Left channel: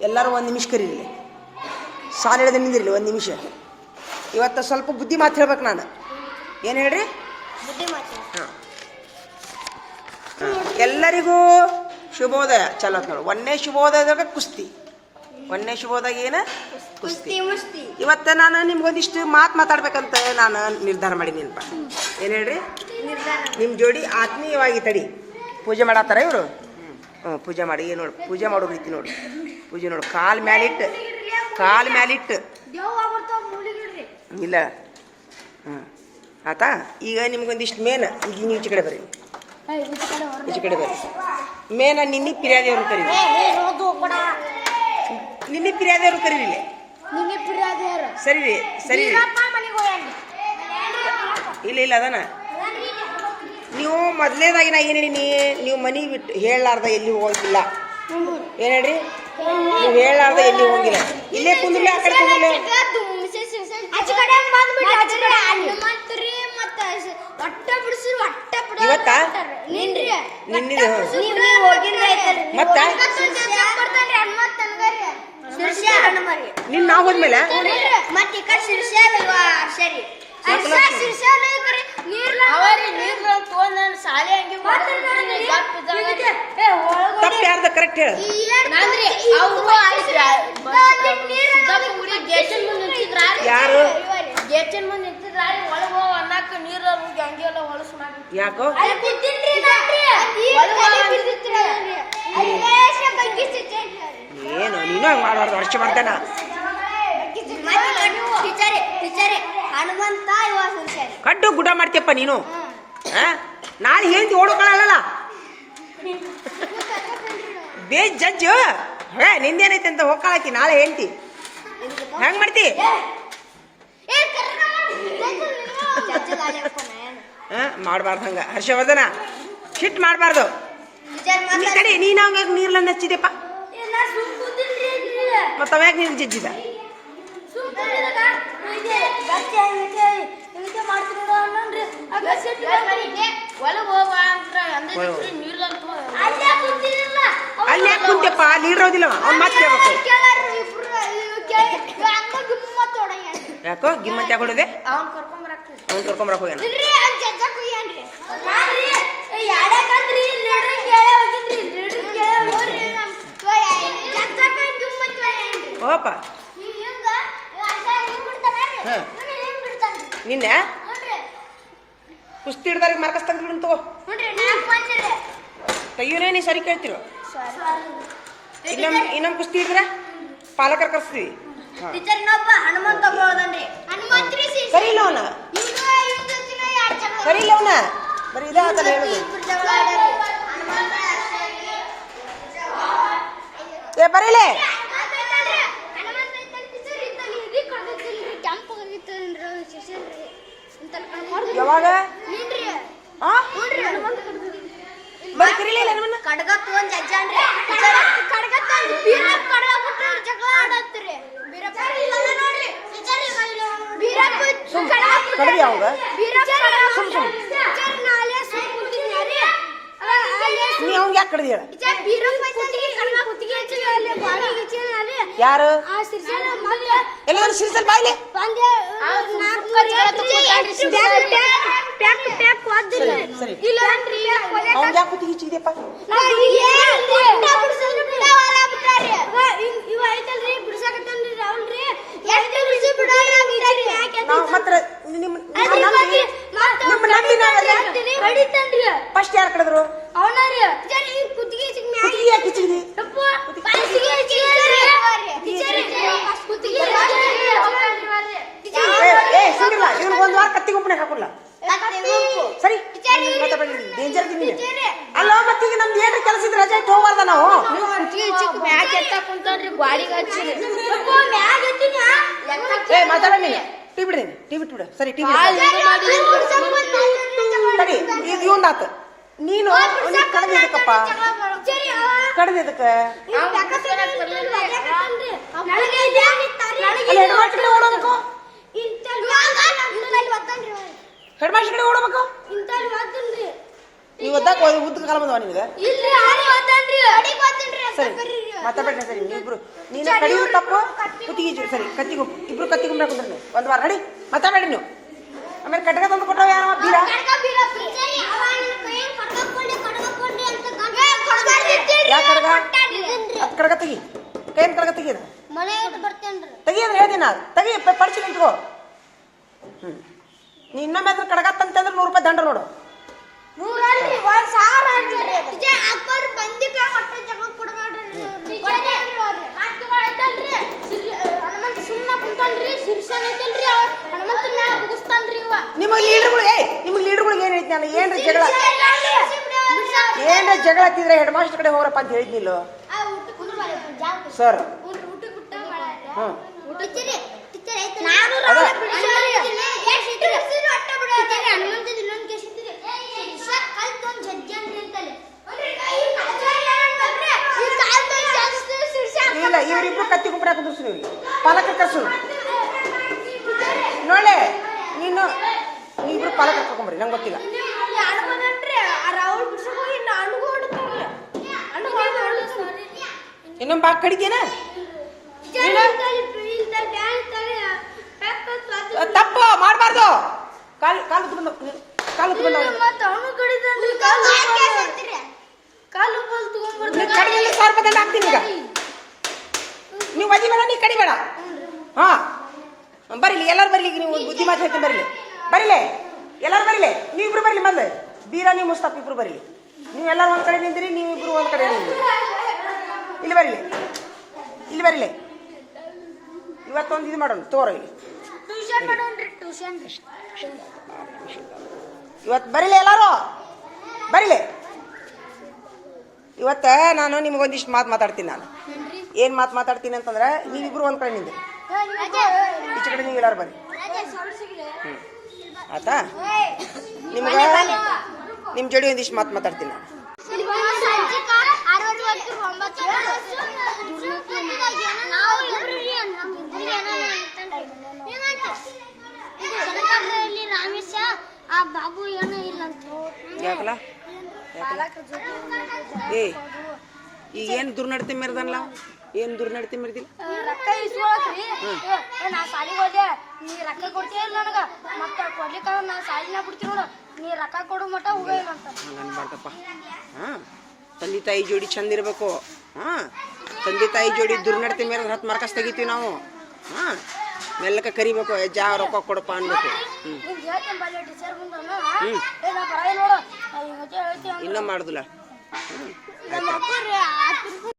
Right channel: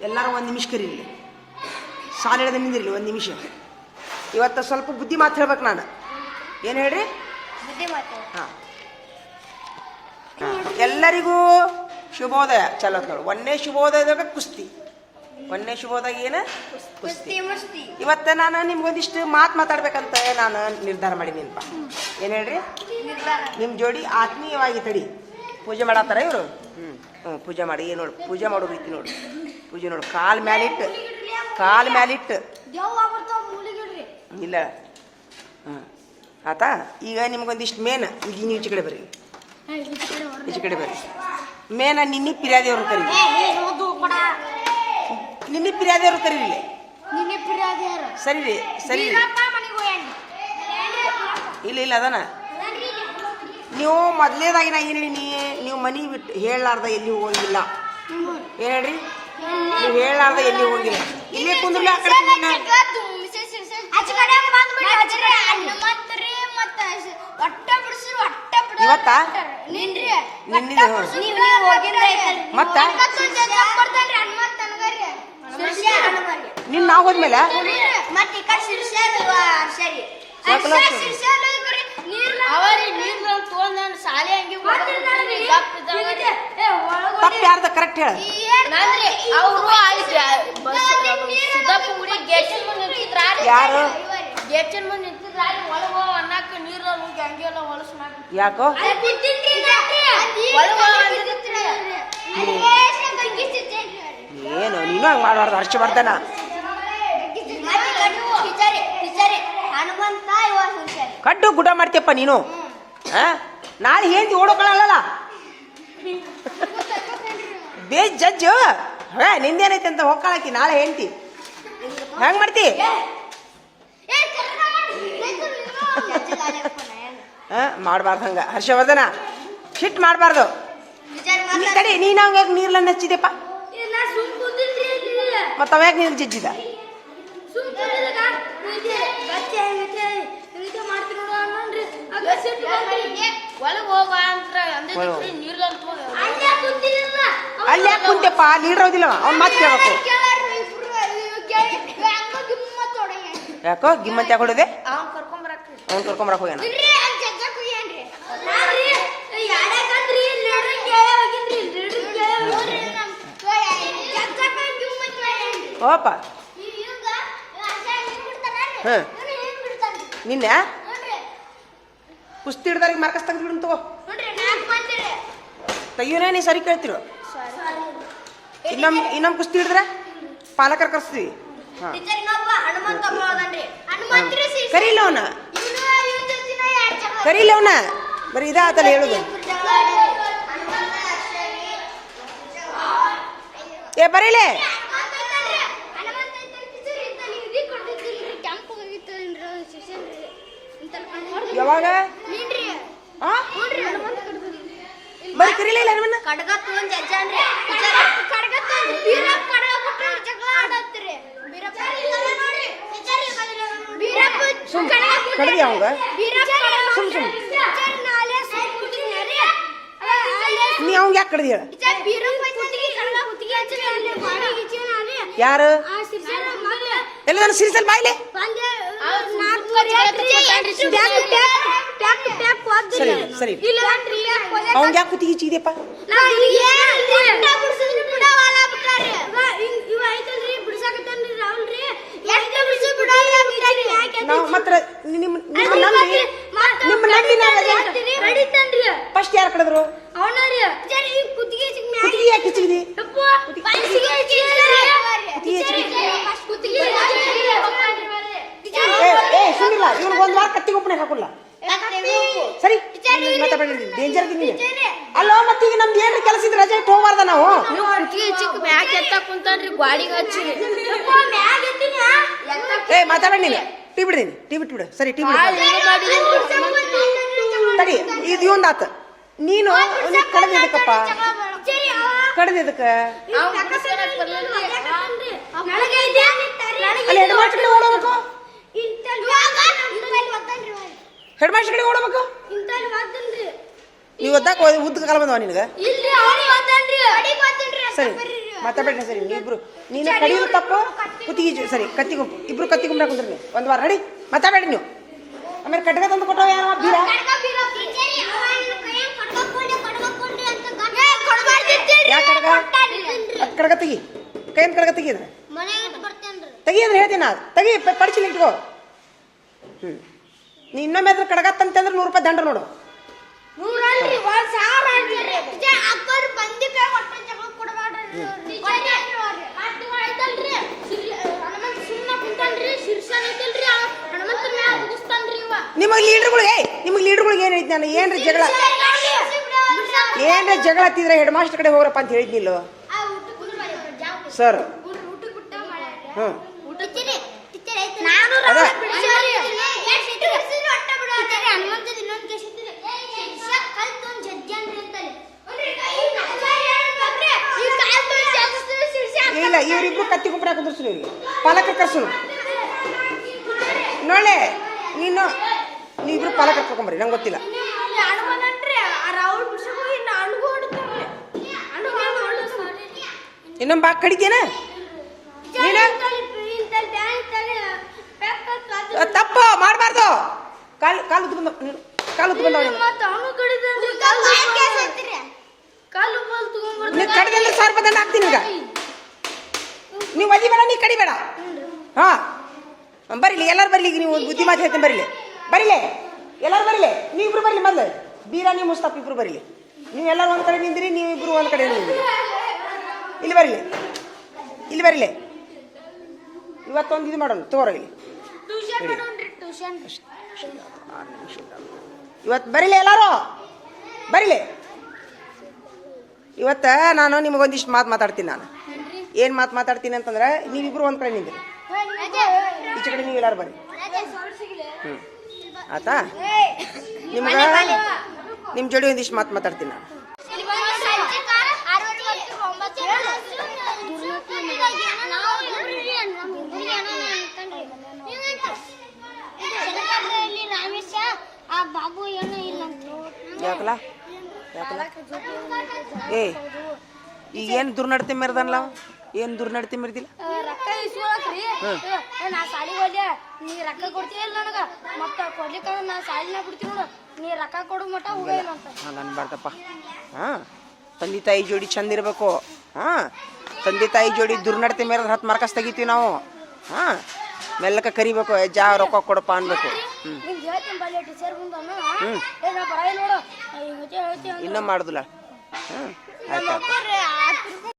ಎಲ್ಲರೂ ಒಂದು ನಿಮಿಷ ಕರೀಲಿ. ಸಾಲ ಹೇಳಿದ ನಿಂದಿರಲಿ ಒಂದು ನಿಮಿಷ. ಇವತ್ತು ಸ್ವಲ್ಪ ಬುದ್ಧಿ ಮಾತು ಹೇಳ್ಬೇಕು ನಾನು. ಏನು ಹೇಳ್ರಿ? ಹಾಂ. ಎಲ್ಲರಿಗೂ ಶುಭೋದಯ. ಚಲೋ ನೋಡು. ಒಂದೇ ಶುಭೋದಯದಾಗ ಕುಸ್ತಿ. ಒಂದೇ ಶುಭೋದಾಗ ಏನು? ಕುಸ್ತಿ. ಇವತ್ತು ನಾನು ನಿಮ್ಗೊಂದಿಷ್ಟು ಮಾತು ಮಾತಾಡ್ಬೇಕಂತ ನಾನು ನಿರ್ಧಾರ ಮಾಡೀನಿಪ್ಪ ಏನು ಹೇಳ್ರಿ? ನಿಮ್ಮ ಜೋಡಿ ಆತ್ಮೀಯವಾಗಿ ತಡಿ. ಪೂಜೆ ಮಾಡತ್ತಾರ ಇವರು? ಹ್ಞೂ ಪೂಜೆ ಮಾಡಿ. ಏನು ನೋಡು ಪೂಜೆ ಮಾಡೋ ರೀತಿ ನೋಡು. ಪೂಜೆ ನೋಡು. ಕಾಲ್ ಮ್ಯಾಲಿಟ್ಟು. ಕಾಲ್ ಮ್ಯಾಲಿಟ್ಟು. ಇಲ್ಲ. ಹಾಂ. ಆತಾ? ಈಗ ನಿಮ್ಗೊಂದಿಷ್ಟು ಮೇನ್. ಈಗ ನೀವು ಈಚೆ ಕಡೆ ಬರ್ರಿ. ಈಚೆ ಕಡೆ ಬರ್ರಿ. ಮೇನ ನಿನ್ನಿ ಕರಿ ಕರೀರಿ. ನಿನ್ನೆ ಪಿರ್ಯಾದೇವ್ರು ಕರೀರಿ ಸರಿ ರೀ ಸರಿ ಇಲ್ಲ ಇಲ್ಲ ಅದನ ನೀವು ಮೊದಲೇದಾಗಿ ನಾ ಏನು ಹೇಳೀನಿ? ನೀವು ಮನೆಗೆ ಬಿಟ್ಟು ಹೇಳಲಾರ್ದ ಎಲ್ಲಿ ಹೋಗಿಲ್ಲ. ಏನು ಹೇಳ್ರಿ? ನೀವು ಹೇಳಲಾರ್ದ ಎಲ್ಲಿ ಹೋಗಿಲ್ಲ. ಇಲ್ಲೇ ಕುಂದಿಲ್ಲ ಆ ಕಡೆ ಕುಂದಿಲ್ಲ ಇವತ್ತಾ? ನಿನ್ನಿದು, ಹ್ಞೂ. ಮತ್ತ? ನಿನ್ನ ನಾವು ಹೋದ್ಮೇಲೆ? ತಪ್ಪು ಯಾರ್ದ ಕರೆಕ್ಟ್ ಹೇಳ. ಯಾರು? ಗೇಟಿನ ಮುಂದೆ ನಿಂತಿದ್ರಾರಿ ಒಳಗ ಅನ್ನಕ್ಕ ನೀರ ನುಗ್ಗಿ ಹಂಗೆಲ್ಲ ಹೊಲಸು ಮಾಡಿ ಯಾಕೋ? ಏನು ನೀನು ಹಂಗೆ ಮಾಡಬಾರ್ದು ಹರ್ಷ ಮಾಡ್ತಾನ ಹನುಮಂತ ಇವ ಕಡ್ಡು ಗುಡ ಮಾಡ್ತೀಯಪ್ಪ ನೀನು. ಆ? ನಾಳೆ ಹೇಳ್ತಿ ಓಡೋಕೊಳ್ಳಲ್ಲ ಬೇ ಜಡ್ಜ್. ಹೇ ನಿಂದೇನೈತೆ ಅಂತ ಹೋಗ್ಕೊಳಕಿ ನಾಳೆ ಹೇಳ್ತಿ. ಹೆಂಗ್ ಮಾಡ್ತಿ? ಮಾಡಬಾರ್ದು ಹಂಗ. ಹರ್ಷವರ್ಧನ ಶಿಟ್ ಮಾಡಬಾರ್ದು. ನೀ ಕಡೆ ನೀನು ಹಂಗ ನೀರ್ಲನ್ನ ಹಚ್ಚಿದೆಪ್ಪ ಮತ್ತೆ ಅವ್ಯಾಗ ನೀರು ಜಜ್ಜಿದ? ನೀರ್ ಅಲ್ಲಿ ಕುಂತಪ್ಪ ಇರೋದಿಲ್ಲ. ಅವ್ನು ಮಾತು ಕೇಳಬೇಕು. ಯಾಕೋ ಗಿಮ್ಮತ್ ಯಾಕೆ ಹೊಡೆದೆ? ಅವ್ನ್ ಕರ್ಕೊಂಬರಕ್ಕೆ ಅವ್ನು ಕರ್ಕೊಂಬರಕ್ ಹೋಗ್ಯಾನ. ಓಪ ಹ್ಮ್. ನಿನ್ನೆ? ಕುಸ್ತಿ ಹಿಡ್ದಾರಿಗೆ ಮಾರ್ಕಸ್ ತೆಗೆದು ತಗೋ. ತೆಗಿಯೋನೇ ನೀ ಸರಿ ಕೇಳ್ತಿರೋ? ಇನ್ನೊಮ್ಮೆ ಇನ್ನೊಮ್ಮೆ ಕುಸ್ತಿ ಹಿಡಿದ್ರೆ ಪಾಲಕರು ಕರ್ಸ್ತೀವಿ ಹಾಂ. ಕರೀಲಿ ಅವನ. ಕರೀಲಿ ಅವನ. ಬರೀ ಇದಾತಲ್ಲ ಹೇಳುದು. ಏ ಬರೀಲೆ ಆಮೇಲೆ ಹನುಮಂತ ಇದ್ದಲ್ಲಿ ಟೀಚರ್ ಇದ್ದಲ್ಲಿ ಇದು ಕೊಡ್ತಿದ್ದಿಲ್ರಿ, ಕೆಂಪ್ ಆಗಿತ್ತೇನ್ರಿ ಅವ್ನ್ ಶಿಕ್ಷಣ ರೀ. ಇಂತಲ್ಲಿ ಕಣ್ ಹೊಡ್ದು- ಯಾವಾಗ ನೀನ್ರಿ? ಆ ಹ್ಞೂನ್ರಿ, ಹನುಮಂತ ಕಡ್ದದ್ರಿ. ಬರೀ ಕರೀಲಿಲ್ಲ ನಮ್ಮನ್ನ ಕಡ್ಗ ತಗೊಂಡ್ ಜಜ್ಜಾನ್ರಿ. ಟೀಚರ್ ಕಡ್ಗ ತಗೊಂಡ್ ಬೀರಪ್ಪ ಕಡ್ಗ ಬಿಟ್ಟು ಜಗಳ ಆಡತ್ರಿ. ಬೀರಪ್ಪ ಇಲ್ಲ ನೋಡ್ರಿ. ಟೀಚರ್ ಈಗ ಇಲ್ಲ. ಬೀರಪ್ಪ ಕಡ್ಗ ಬಿಟ್ಟು- ಕಡ್ದಿ ಅವಂಗ ಬೀರಪ್ಪ ಸುಮ್ ಸುಮ್. ಟೀಚರ್ ನಾಳೆ ಸುಮ್ ಕೂತಿದ್ನ್ಯಾರಿ. ಅವ ಅಲ್ಲೇ ನೀ ಅವ್ನ್ ಯಾಕೆ ಕಡ್ದಿ ಹೇಳ ಟೀಚರ್ ಬೀರಪ್ಪ ಕುತ್ತಿಗೆ ಕಡ್ಗ ಕುತ್ತಿಗೆ ಹಚ್ಚಿನ ಅಲ್ಲಿ ಬಾಡಿ ಹಚ್ಚಿನ ಅಲ್ಲಿ. ಯಾರು? ಎಲ್ಲ ನನ್ನ ಸೀಸಲ್ ಬಾಯ್ಲೆ. ಸರಿ, ಸರಿ. ಅವ್ನ್ ಯಾಕೆ ಕುತ್ತಿಗೆ ಚಿಗಿದೆಪ್ಪ ನಾ ಏನ್ರಿ? ಬಿಡವಲ್ಲ ಬಿಟ್ಟಾರಿ. ಇವ ಹಿಂಗ್- ಇವ ಐತಲ್ರಿ, ಬಿಡ್ಸಾಕತ್ತಾನ್ರಿ ರಾಹುಲ್ರಿ. ಎಷ್ಟು ಬಿಡ್ಸಿ ಬಿಡಲ್ಲ ಟೀಚರ್ ಯಾಕೆ ನಾವು ಮಾತ್ರ ನಿಮ್ಮ ನಿಮ್ಮ ಅಲ್ಲಿ ನಂಬಿ ಮತ್ತೆ ನಿಮ್ಮ ನಂಬಿ ನಾವು ಜಾಸ್ತಿರಿ ಹೊಡಿತಾನ್ರಿ. ಫಸ್ಟ್ ಯಾರು ಕಳೆದ್ರು ಅವನರಿ ಟೀಚರ್ ಈ ಕುತ್ತಿಗೆ ಹಚ್ಚಿಗ್ ಮ್ಯಾಗ್ ಕುತ್ತಿಗೆ ಯಾಕೆ ಚಿಗಿದಿ ಯಪ್ಪ, ಕುತ್ತಿಗೆ ಹಚ್ಚಿಗ್ರಿ. ಟೀಚರ್ ಫಸ್ಟ್ ಕುತ್ತಿಗೆ ಹಚ್ಚಿಗ್ರಿ. ಟೀಚರ್ ಏ ಏ ಇವ್ನಿಗೆ ಒಂದು ವಾರ ಕತ್ತಿಗೆ ಗೊಬ್ಬರ ಹಾಕಲ್ಲ. ಸರಿ ಡೇಂಜರ್ ಇದೀನಿ ಅಲ್ಲ ಮತ್ತೀಗ ನಮ್ದು ಏನು ಕೆಲಸ ಇದ್ರೆ ರಜೆ ಇಟ್ಟು ಹೋಗ್ಬಾರ್ದ ನಾವು? ಏ ಮಾತಾಡ ನೀನು. ಟೀ ಬಿಡ್ತೀನಿ ಟೀ ಬಿಟ್ಬಿಡು ಸರಿ ಟೀ. ತಡಿ ಇದು ಇವಂದಾತ ನೀನು ಕಡ್ದಿದ್ದಕ್ಕಪ್ಪ ಕಡ್ದಿದ್ದಕ್ಕೆ ಅಲ್ಲಿ ಹೆಡ್ ಮಾಸ್ಟರ್ ಕಡೆ ಓಡೋಬೇಕು ಹೆಡ್ ಮಾಸ್ಟರ್ ಕಡೆ ಓಡಬೇಕು ಒದ್ದಾಕ ಉದ್ದ ಕಾಲ ಬಂದವ ನಿನಗೆ? ಸರಿ ಮಾತಾಡ್ಬೇಡ ಸರಿ ಇಬ್ರು ನೀನು ಕಡಿಯೋ ತಪ್ಪು ಕುತ್ತಿಗೆ ಸರಿ ಕತ್ತಿ ಗುಂಪು ಇಬ್ರು ಕತ್ತಿ ಗುಂಪು ಹಾಕೊಂಡ್ರಿ ಒಂದು ವಾರ ನಡಿ ಮಾತಾಡಬೇಡಿ ನೀವು. ಆಮೇಲೆ ಕಟ್ಟಗ ತಂದು ಕೊಟ್ಟವ ಬೀರ? ಕಡ್ಗ ಕೈಯಲ್ಲಿ ಕಡ್ಗ ಕಡ್ಗ ತೆಗಿ. ಕೈಯಿಂದ ಕಡ್ಗ ತೆಗಿದ್ರೆ ಮನೆ ಇಟ್ಟು ಬರ್ತೇನ್ರಿ. ತೆಗಿ ಅಂದ್ರೆ ಹೇಳ್ತೀನಿ ನಾ ತೆಗಿ ಪಡಿಸಿ ನಿಂತ್ಕೋ ಇಟ್ಕೋ ಹ್ಞೂ ನೀ ಇನ್ನೊಮ್ಮೆ ಅದ್ರ ಕಡ್ಗ ತಂತಂದ್ರೆ ನೂರು ರೂಪಾಯಿ ದಂಡ ನೋಡು. ನೂರಲ್ಲಿ ಒಂದ್ ಸಾವಿರ ಅಂತೀರಿ ಅಪ್ಪರ್ ಬಂದಿ ಕೈ ಹೊಟ್ಟೆ ಜಗಳ ಕೊಡಬೇಡ್ರಿ ಐತಲ್ರಿ ಹನುಮಂತ ಸುಮ್ಮನೆ ಕುಂತಲ್ರಿ ಶಿರ್ಷನ್ ಐತಲ್ರಿ ಹನುಮಂತ ಮ್ಯಾಲ ಮುಗಿಸ್ತಾನ್ರಿ ಇವ. ನಿಮಗೆ ಲೀಡರ್ಗಳು ಏ ನಿಮಗೆ ಲೀಡರ್ಗಳಿಗೆ ಏನು ಐತಿ ನಾನು? ಏನ್ರ ಜಗಳ? ಏನ್ರ ಜಗಳ ಹತ್ತಿದ್ರೆ ಹೆಡ್ ಮಾಸ್ಟರ್ ಕಡೆ ಹೋಗ್ರಪ್ಪ ಅಂತ ಹೇಳಿದ್ನಿಲ್ಲ ಸರ್ ಹ್ಞೂ ನಾನು ಅದ. ಇಲ್ಲ ಇವರಿಬ್ರು ಕತ್ತಿ ಗುಂಪು ಹಾಕಿದ್ರು ಇವ್ರಿಗೆ. ಪಾಲಕರ ಕರ್ಸು ನೋಳೆ ನೀನು ನೀವಿಬ್ರು ಪಾಲಕ ಕರ್ಕೊಂಬರಿ ನಂಗೆ ಗೊತ್ತಿಲ್ಲ. ಇನ್ನೊಂದು ಬಾಕ್ ಕಡಿತೀನ? ತಪ್ಪ ಮಾಡಬಾರ್ದು. ಕಾಲು ಕಾಲು ಉದ್ದು ಕಾಲು ನೀನು ಕಾಲು ದಂಡ ಹಾಕ್ತೀನಿ ಈಗ. ನೀವು ಒದಿಬೇಡ ನೀ ಕಡಿಬೇಡ ಹಾ. ಬರೀಲಿ ಎಲ್ಲರೂ ಬರಲಿ ನೀವು ಬುದ್ಧಿ ಮಾತು ಹೇಳ್ತೀನಿ ಬರೀಲಿ. ಬರೀಲೆ ಎಲ್ಲರೂ ಬರೀಲಿ. ನೀವಿಬ್ರು ಬರಲಿ ಮೊದಲು. ಬೀರಾ ನೀವು ಮುಸ್ತಾಫ್ ಇಬ್ರು ಬರಲಿ. ನೀವು ಎಲ್ಲರೂ ಒಂದು ಕಡೆ ನಿಂದಿರಿ ನೀವಿಬ್ರು ಒಂದು ಕಡೆ ನಿಂದಿರಿ. ಇಲ್ಲಿ ಬರಲಿ. ಇಲ್ಲಿ ಬರೀಲಿ. ಇವತ್ತೊಂದು ಇದು ಮಾಡೋಣ ತೋರ ಇಲ್ಲಿ. ಇವತ್ತು ಬರೀಲಿ ಎಲ್ಲರೂ? ಬರೀಲಿ. ಇವತ್ತ ನಾನು ನಿಮಗೊಂದಿಷ್ಟು ಮಾತು ಮಾತಾಡ್ತೀನಿ ನಾನು. ಏನು ಮಾತು ಮಾತಾಡ್ತೀನಿ ಅಂತಂದ್ರೆ ನೀವಿಬ್ರು ಒಂದು ಕಡೆ ನಿಂದಿರಿ. ಈಚೆ ಕಡೆ ನೀವು ಎಲ್ಲಾರು ಹ್ಞೂ ಆತಾ ನಿಮ್ಗೆ ನಿಮ್ಮ ಜೋಡಿ ಒಂದಿಷ್ಟು ಮಾತು ಮಾತಾಡ್ತೀನಿ ನಾನು. ರಾಮೇಶ ಆ ಬಾಬು ಏನೋ ಇಲ್ಲ ಅಂತ ಯಾಕಲ್ಲ? ಯಾಕಲ್ಲ? ಏ, ಈಗ ಏನು ದುರ್ನಡತೆ ಮೆರೆದಲ್ಲ ಏನು ದುರ್ನಡತೆ ಮಿರ್ದಿಲ್ಲ? ರೊಕ್ಕ ಇಸ್ಕೊಳಕ್ರಿ. ನಾ ಸಾಲಿಗೆ ಹೋದೆ. ನೀ ರೊಕ್ಕ ಕೊಡ್ತೀಯ ಇಲ್ಲ ನನಗ? ಮತ್ತ ಕೊಡ್ಲಿಕ್ಕ ನಾ ಸಾಲಿನ ಬಿಡ್ತೀನಿ ನೋಡು. ನೀ ರೊಕ್ಕ ಕೊಡು ಮಟ ಹೋಗ ಇಲ್ಲ ಅಂತ. ನನ್ನ ಬಾರ್ದಪ್ಪ ಹಾಂ ತಂದೆ ತಾಯಿ ಜೋಡಿ ಚಂದ ಇರಬೇಕು. ಹಾ ತಂದೆ ತಾಯಿ ಜೋಡಿ ದುರ್ನಡತೆ ಮೇಲೆ ಹತ್ತು ಮಾರ್ಕಸ್ ತೆಗಿತೀವಿ ನಾವು. ಹಾ ಮೆಲ್ಲಕ ಕರಿಬೇಕು ಜಾ ರೊಕ್ಕ ಕೊಡಪ್ಪ ಅನ್ಬೇಕು ಇನ್ನ ಹ್ಮ್. ಮಾಡುದಿಲ್ಲ ಅಪ್ಪರು